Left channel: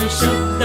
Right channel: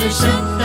the show.